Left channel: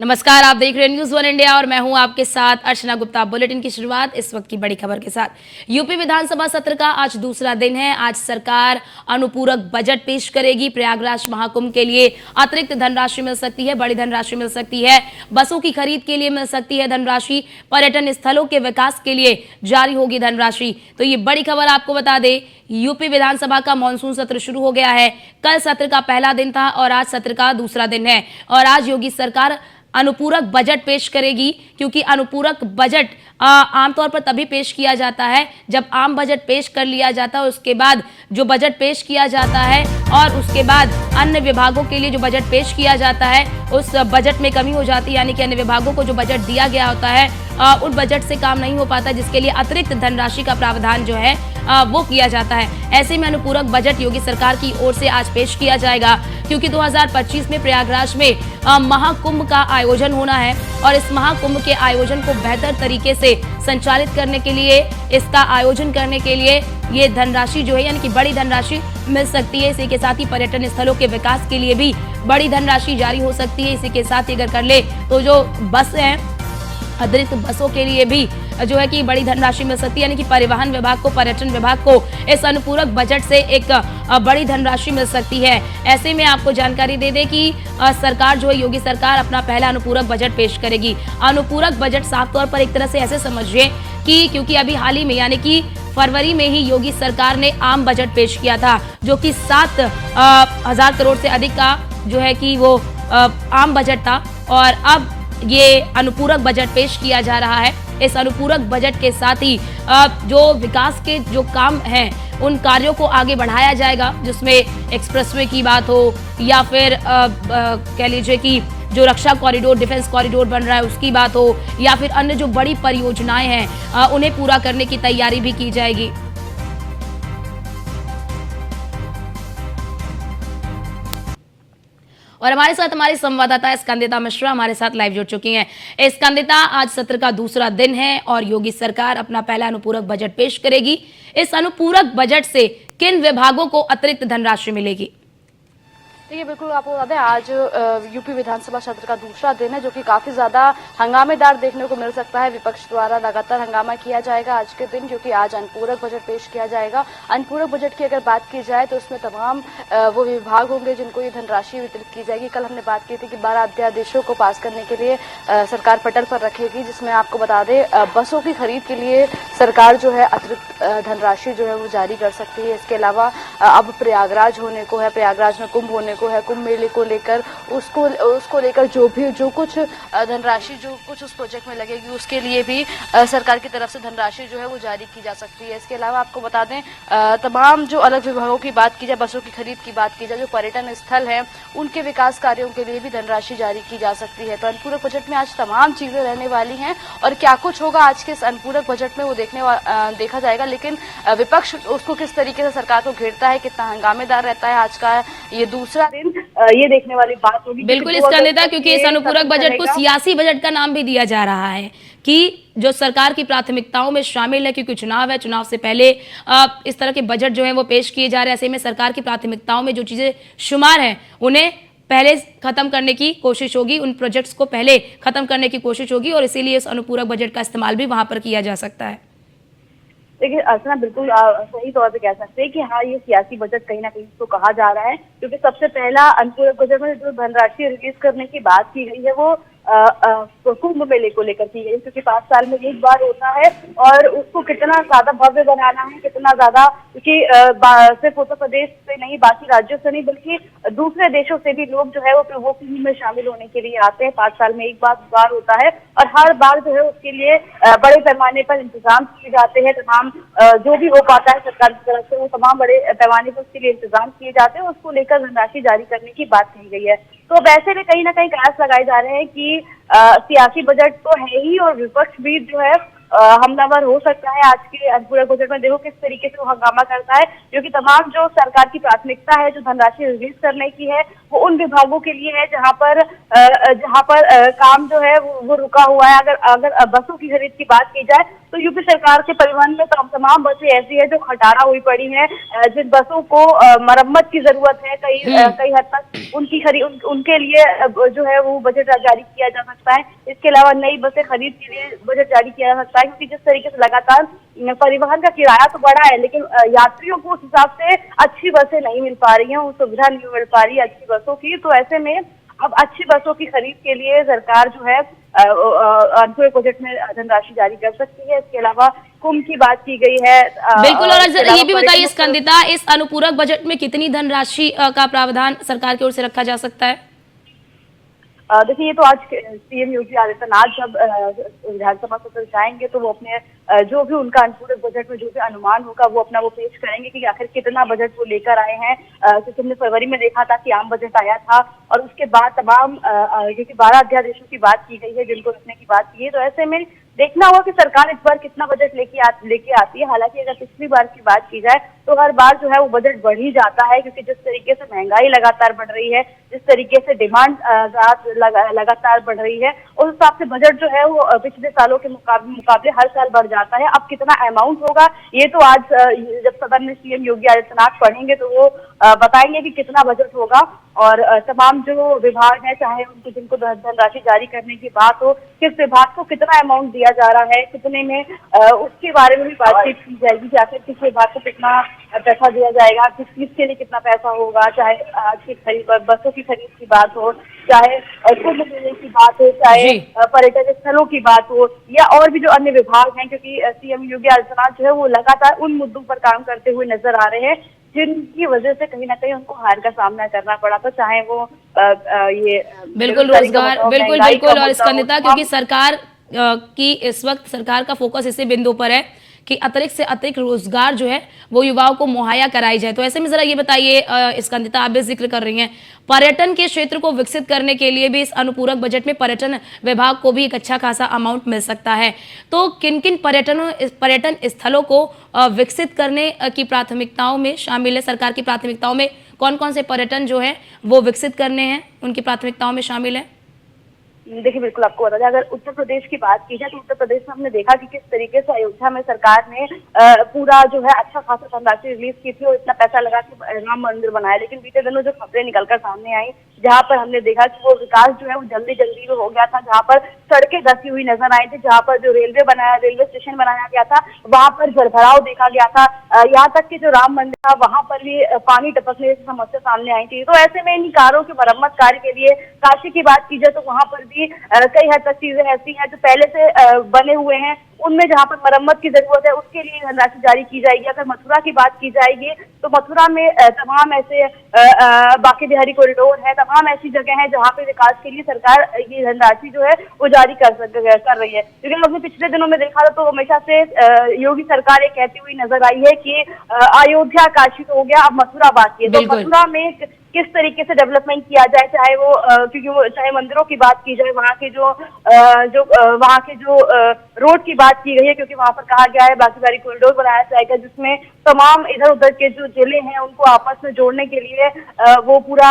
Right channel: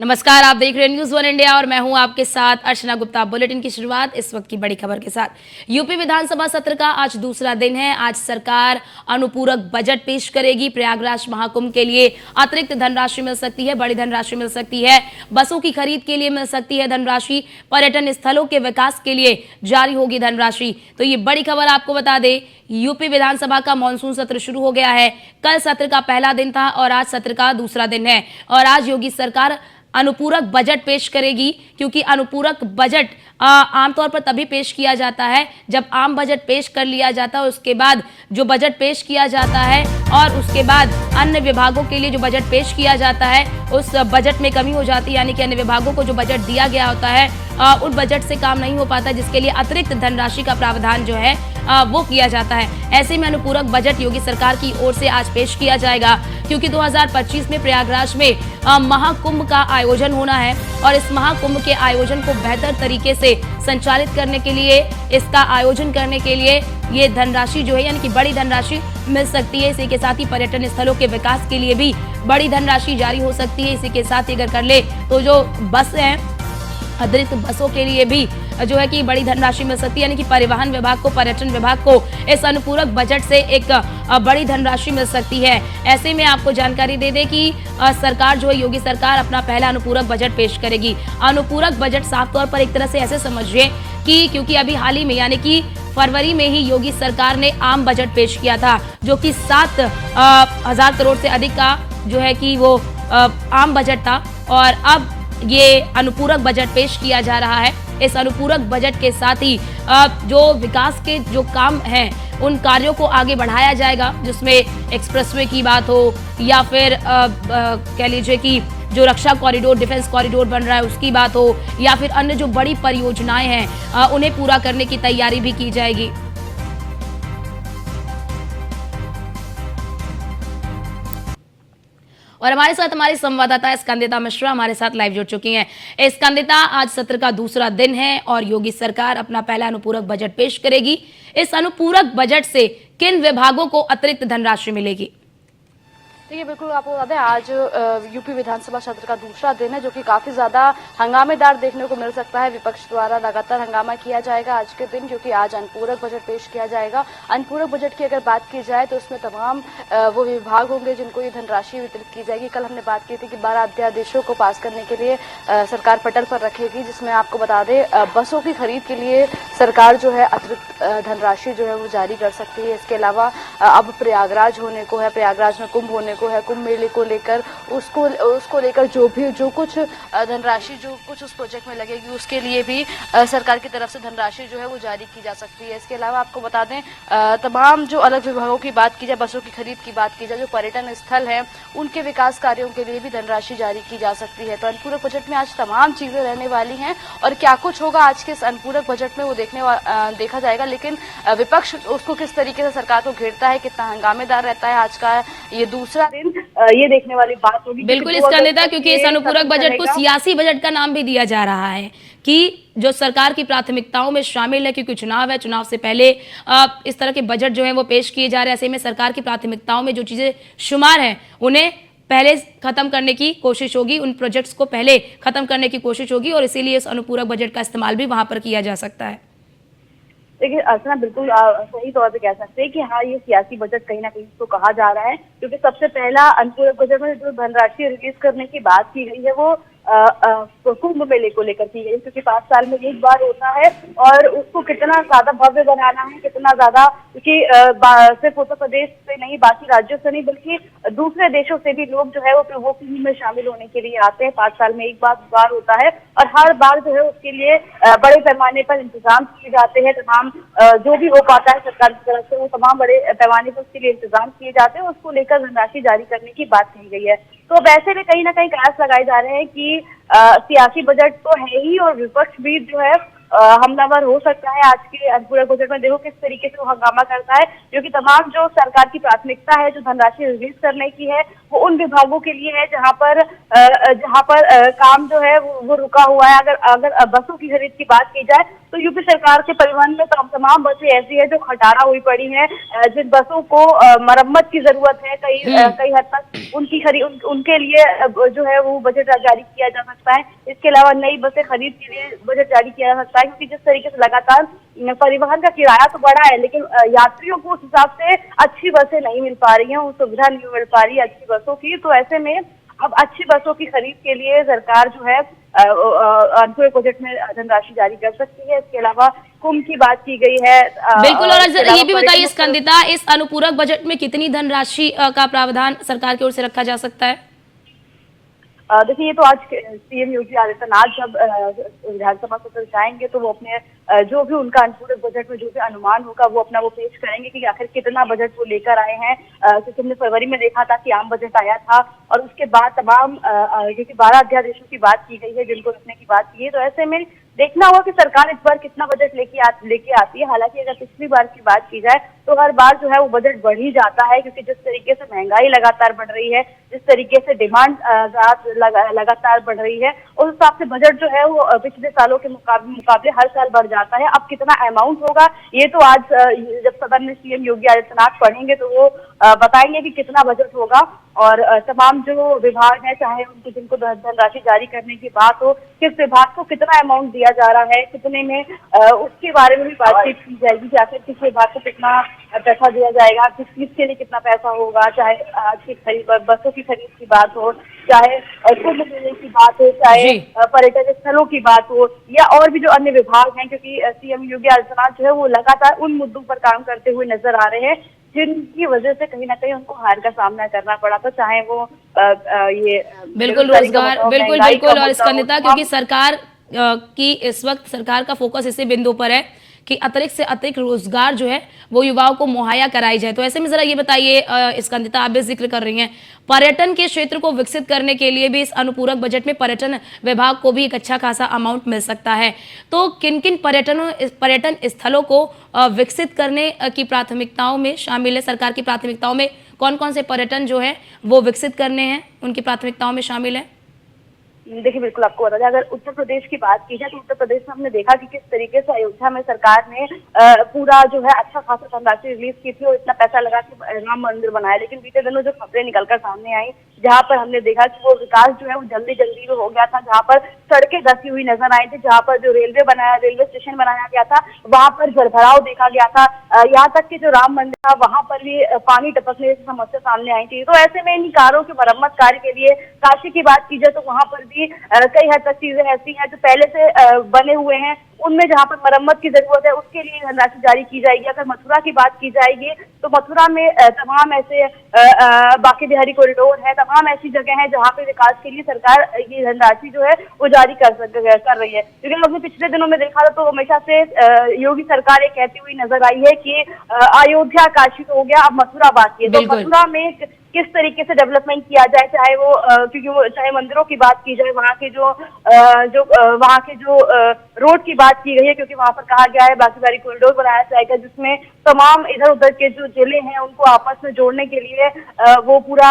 नमस्कार, आप देख रहे हैं न्यूज़ वन इंडिया और मैं हूं आपके साथ अर्चना गुप्ता। बुलेटिन की शुरुआत इस वक्त की बड़ी खबर के साथ। यूपी विधानसभा सत्र का आज दूसरा दिन है। आज सरकार अनुपूरक बजट पेश करेगी। प्रयागराज महाकुंभ के लिए अतिरिक्त धनराशि मिल सकती है, बड़ी धनराशि मिल सकती है, बसों की खरीद के लिए मिल सकती है धनराशि, पर्यटन स्थलों के विकास के लिए जारी होगी धनराशि। तो ये बड़ी खबर आपको बता दें, यूपी विधानसभा का मानसून सत्र शुरू हो गया है। कल सत्र का पहला दिन था और आज सत्र का दूसरा दिन है और आज योगी सरकार अनुपूरक बजट पेश करेगी, क्योंकि अनुपूरक बजट आमतौर पर तभी पेश किया जाता है जब आम बजट पेश कर लिया जाता है, उसके बाद जो बजट पेश किया जाता है और उसके बाद अन्य विभागों के लिए जो बजट पेश किया जाता है उस बजट में कमी हो जाती है, यानी कि अन्य विभागों को जो बजट दिया गया होता है उन बजट से काम नहीं हो पाता, जिसके लिए अतिरिक्त धनराशि का प्रावधान जो है वो किया जाता है। ऐसे में अनुपूरक बजट योगी सरकार की ओर से आज पेश किया जाएगा, क्योंकि 2025 में प्रयागराज में महाकुंभ का आयोजन होना है और इस महाकुंभ के आयोजन को बेहतर तरीके से संचालित करने के लिए, इसका आयोजन करने के लिए ये धनराशि जो है यानी कि बड़ी धनराशि मिल सकती है। इसी के साथ ही पर्यटन स्थलों के विकास के लिए भी बड़ी धनराशि जारी हो सकती है। इसी के साथ ही अगर कर ले तो जो बस है, अतिरिक्त बसों के लिए भी जो है कि बड़ी धनराशि मिल सकती है, यानी कि परिवहन विभाग को, पर्यटन विभाग को इस अनुपूरक बजट से एक बड़ी धनराशि मिल सकती है। ऐसे में आपको जानकारी दे दें कि सरकार जो है, योगी सरकार अपना पहला अनुपूरक बजट पेश करेगी। अनुपूरक बजट साफ तौर पर एक तरह से ऐसे समझिए कि क्योंकि अभी हाल ही में यानी कि फरवरी में ही योगी सरकार ने आम बजट पेश किया था, जो कि 7,000 करोड़ से अधिक का जो है कि वो आम बजट था और अब ये अनुपूरक बजट पेश किया जा रहा है। इस अनुपूरक बजट के साथ ही जो विकास के जो काम हैं उन कार्यों को आगे बढ़ाया जाएगा, जिसमें एक्सप्रेसवे की बात हो या फिर कह लीजिए कि जो रक्षा कॉरिडोर, डिफेंस कॉरिडोर बन रहा है उसकी बात हो या फिर अन्य जो बड़ी परियोजनाएं हैं उन्हें पूरा करने की तैयारी भी की जाएगी। और हमारे साथ हमारी संवाददाता स्कंदिता मिश्रा हमारे साथ लाइव जुड़ चुकी हैं। स्कंदिता, आज सत्र का दूसरा दिन है और योगी सरकार अपना पहला अनुपूरक बजट पेश करेगी। इस अनुपूरक बजट से किन विभागों को अतिरिक्त धनराशि मिलेगी? देखिए, बिल्कुल आपको बता दें, आज यूपी विधानसभा सत्र का दूसरा दिन है, जो कि काफी ज्यादा हंगामेदार देखने को मिल सकता है। विपक्ष द्वारा लगातार हंगामा किया जाएगा आज के दिन, जो कि आज अनुपूरक बजट पेश किया जाएगा। अनुपूरक बजट की अगर बात की जाए तो उसमें तमाम वो विभाग होंगे जिनको ये धनराशि वितरित की जाएगी। कल हमने बात की थी कि 12 अध्यादेशों को पास करने के लिए सरकार पटल पर रखेगी, जिसमें आपको बता दें बसों की खरीद के लिए सरकार जो है अतिरिक्त धनराशि जो है वो जारी कर सकती है। इसके अलावा अब प्रयागराज होने को है, प्रयागराज में कुंभ होने को है, कुंभ मेले को लेकर उसको लेकर जो कुछ धनराशि जो कुछ उस प्रोजेक्ट में लगेगी उसके लिए भी सरकार की तरफ से धनराशि जो है वो जारी की जा सकती है। इसके अलावा आपको बता दें तमाम जो अलग विभागों की बात की जाए, बसों की खरीद की बात की जाए, जो पर्यटन स्थल है उनके विकास कार्यों के लिए भी धनराशि जारी की जा सकती है। तो अनुपूरक बजट में आज तमाम चीजें रहने वाली हैं और क्या कुछ होगा आज के इस अनुपूरक बजट में वो देखा जाएगा। लेकिन विपक्ष उसको किस तरीके से सरकार को घेरता है, कितना हंगामेदार रहता है आज का ये दूसरा दिन, ये देखने वाली बात होगी। बिल्कुल इसका नेता, क्योंकि इस अनुपूरक बजट को सियासी बजट का नाम भी दिया जा रहा है कि जो सरकार की प्राथमिकताओं में शामिल है, क्योंकि चुनाव है, चुनाव से पहले इस तरह के बजट जो है वो पेश किए जा रहे हैं। ऐसे में सरकार की प्राथमिकताओं में जो चीजें शुमार हैं उन्हें पहले खत्म करने की कोशिश होगी, उन प्रोजेक्ट्स को पहले खत्म करने की कोशिश होगी और इसीलिए इस अनुपूरक बजट का इस्तेमाल भी वहां पर किया जा सकता है। देखिए अर्चना, बिल्कुल सही तौर पे कह सकते हैं कि हाँ, ये सियासी बजट कहीं ना कहीं इसको कहा जा रहा है, क्योंकि सबसे पहला अनुपूरक बजट में जो धनराशि रिलीज करने की बात की गई है वो कुंभ मेले को लेकर की गई, क्योंकि 5 साल में एक बार होता है और उसको कितना ज्यादा भव्य बनाना है, कितना ज्यादा, क्योंकि सिर्फ उत्तर प्रदेश से नहीं, बाकी राज्यों से नहीं, बल्कि दूसरे देशों से भी लोग जो है वो कुंभ में शामिल होने के लिए आते हैं। 5 साल में एक बार होता है और हर बार जो है उसके लिए बड़े पैमाने पर इंतजाम किए जाते हैं। तमाम जो भी हो पाता है सरकार की तरफ से वो तमाम बड़े पैमाने पर उसके लिए इंतजाम किए जाते हैं, उसको लेकर धनराशि जारी करने की बात कही गई है। तो वैसे में कहीं ना कहीं कयास लगाए जा रहे हैं कि सियासी बजट तो है ही और विपक्ष भी जो है हमलावर हो सकता है आज के अनुपूरक बजट में। देखो किस तरीके से वो हंगामा करता है, क्योंकि तमाम जो सरकार की प्राथमिकता है, जो धनराशि रिलीज करने की है, वो उन विभागों के लिए है जहां पर काम जो है वो रुका हुआ है। अगर अगर बसों की खरीद की बात की जाए तो यूपी सरकार के परिवहन में तमाम बसें ऐसी है जो खटारा हुई पड़ी हैं, जिन बसों को मरम्मत की जरूरत है। कई हद तक उनकी खरीद उनके लिए जो है वो बजट जारी किया जा सकता है। इसके अलावा नई बसें खरीद के लिए बजट जारी किया जा सकता है, क्योंकि जिस तरीके से लगातार परिवहन का किराया तो बढ़ा है, लेकिन यात्रियों को उस हिसाब से अच्छी बसें नहीं मिल पा रही हैं, वो सुविधा नहीं मिल पा रही है अच्छी बसों की। तो ऐसे में अब अच्छी बसों की खरीद के लिए सरकार जो है अनुपूरक बजट में धनराशि जारी कर सकती है। इसके अलावा कुंभ की बात की गई है। बिल्कुल। और ये भी बताइए स्कंदिता, इस अनुपूरक बजट में कितनी धनराशि का प्रावधान सरकार की ओर से रखा जा सकता है? देखिए, ये तो आज सीएम योगी आदित्यनाथ जब विधानसभा सत्र जाएंगे तो वो अपने जो भी उनका अनुपूरक बजट में जो भी अनुमान होगा वो पेश करेंगे कि आखिर कितना बजट वो लेकर आए हैं। क्योंकि हमने फरवरी में देखा था कि आम बजट आया था और उसके बाद तमाम क्योंकि 12 अध्यादेशों की बात की गई है जिनको रखने की बात की है, तो ऐसे में देखना होगा कि सरकार इस बार कितना बजट लेके आती है। हालांकि अगर पिछली बार की बात की जाए तो हर बार जो है वो बजट बढ़ ही जाता है, क्योंकि जिस तरीके से महंगाई लगातार बढ़ रही है, जिस तरीके से डिमांड लगातार बढ़ रही है, उस हिसाब से बजट जो है वो पिछले सालों के मुकाबले हर साल बढ़ जाता है। अब कितना अमाउंट होगा ये तो आज जब सदन में सीएम योगी आदित्यनाथ पढ़ेंगे तो वो बताएंगे कि कितना बजट होगा। और तमाम जो विभाग हैं, चाहे उनको जिनको धनराशि जारी करने की बात हो, किस विभाग को कितना अमाउंट दिया जा रहा है, कितने में, उसके बारे में भी बातचीत की जाएगी कि आखिर किस विभाग को कितना पैसा दिया जाएगा, किस चीज के लिए कितना पैसा होगा। चाहे आज की बसों की खरीद की बात हो, चाहे कुंभ मेले की बात हो, चाहे पर्यटन स्थलों की बात हो, या और भी जो अन्य विभाग हैं। क्योंकि सीएम योगी आदित्यनाथ जो है वो लगातार उन मुद्दों पर काम करते हुए नजर आ रहे हैं जिनकी वजह से कहीं ना कहीं उनको हार का सामना करना पड़ा था, चाहे वो ये बिल्कुल रोजगार, बिल्कुल। और स्कंदिता, क्योंकि सरकार की इस वक्त सरकार का फोकस इसी बिंदु पर है कि अतिरिक्त से अतिरिक्त रोजगार जो है वो युवाओं को मुहैया कराई जाए। तो ऐसे में जरा ये बताइए स्कंदिता, आप भी जिक्र कर रही हैं पर्यटन के क्षेत्र को विकसित करने के लिए भी इस अनुपूरक बजट में पर्यटन विभाग को भी एक अच्छा खासा अमाउंट मिल सकता है। तो किन किन पर्यटन स्थलों को विकसित करने की प्राथमिकताओं में शामिल है? सरकार की प्राथमिकताओं में कौन कौन से पर्यटन जो है वो विकसित करने हैं, उनकी प्राथमिकताओं में शामिल है? देखिए, बिल्कुल आपको बता दें, अगर उत्तर प्रदेश की बात की जाए तो उत्तर प्रदेश में हमने देखा कि किस तरीके से अयोध्या में सरकार ने पूरा जो है अच्छा खासा धनराशि रिलीज की थी और इतना पैसा लगा के राम मंदिर बनाया। लेकिन बीते दिनों जो खबरें निकलकर सामने आई, जहां पर हमने देखा कि वो विकास जो है वो जल्दी जल्दी हो गया था, जहां पर सड़कें धसी हुई नजर आई थी, जहां पर जो रेलवे स्टेशन बनाया गया था वहां पर जलभराव देखा गया था, यहाँ तक कि जो राम मंदिर था वहां पर भी पानी टपकने की समस्या सामने आई थी। तो ऐसे में इन कारों के मरम्मत कार्य के लिए काशी की बात की जाए तो वहां पर भी कई हद तक चीजें ऐसी हैं जो पहले से बने हुए हैं, उनमें जहां पर मरम्मत की जरूरत है उसके लिए धनराशि जारी की जाएगी। अगर मथुरा की बात की जाएगी तो मथुरा में तमाम ऐसे बांके बिहारी कॉरिडोर है, तमाम ऐसी जगह है जहां पे विकास के लिए सरकार ये धनराशि जो है वो जारी कर रही है। क्योंकि हमने पिछले दिनों में देखा था तो हमेशा से योगी सरकार ये कहती हुई नजर आई है कि अयोध्या काशी तो हो गया, अब मथुरा बाकी है। तो मथुरा में किस तरीके से डेवलपमेंट किया जाए, चाहे वो क्योंकि वो चाहे मंदिरों की बात की जाए, वहाँ के जो रोड की बात की गई है, क्योंकि वहाँ पर कहा गया है बांके बिहारी कॉरिडोर बनाया जाएगा जिसमें तमाम इधर उधर के जो जिले हैं उनको आपस में जोड़ने के लिए वो पूरा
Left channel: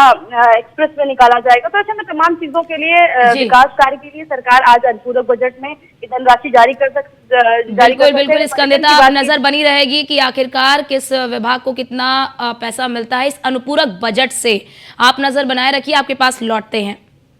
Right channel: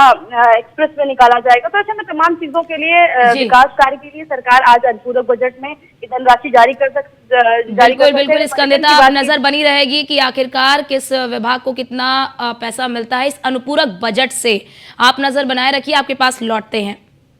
एक्सप्रेस वे निकाला जाएगा। तो ऐसे में तमाम चीजों के लिए विकास कार्य के लिए सरकार आज अनुपूरक बजट में धनराशि जारी कर बिल्कुल स्कंदिता, नजर बनी रहेगी कि आखिरकार किस विभाग को कितना पैसा मिलता है इस अनुपूरक बजट से। आप नजर बनाए रखिए, आपके पास लौटते हैं।